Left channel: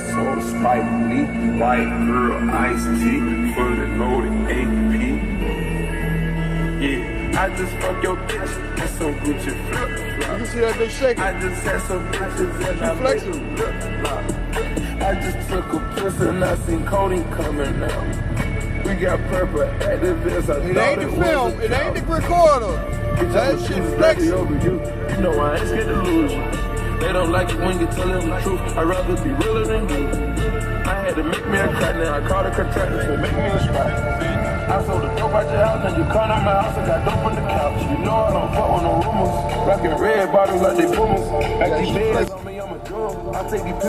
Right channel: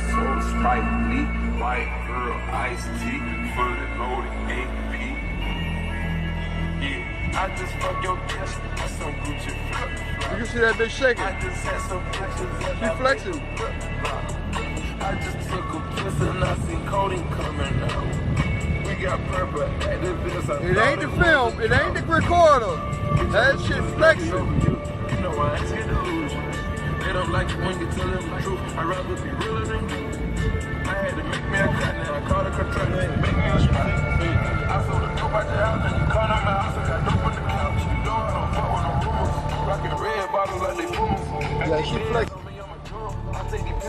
episode, Spike Lee, white girl, Ice-T, fully loaded AP. Yeah, I just fuck your bitch, that's some Gucci flip. You can see that bitch shaking. I just had some bitches and She flexing. I just took a piss and I seen Cody coming out. We got purple at the biz. It ain't the film, it ain't the recorder. That shit flexing. You know I ain't scared to lose you. They don't like it when you tell them the truth. I'd rather be realer than you. I had to make me a cut now. I called a contractor to make me a spot. I sold the dope out your house and you come to my house. I got dope on the couch. You know I don't fuck with no rumors. Rockin' red bottles like they boomers. I keep heads on me, I'm a drum. I take it.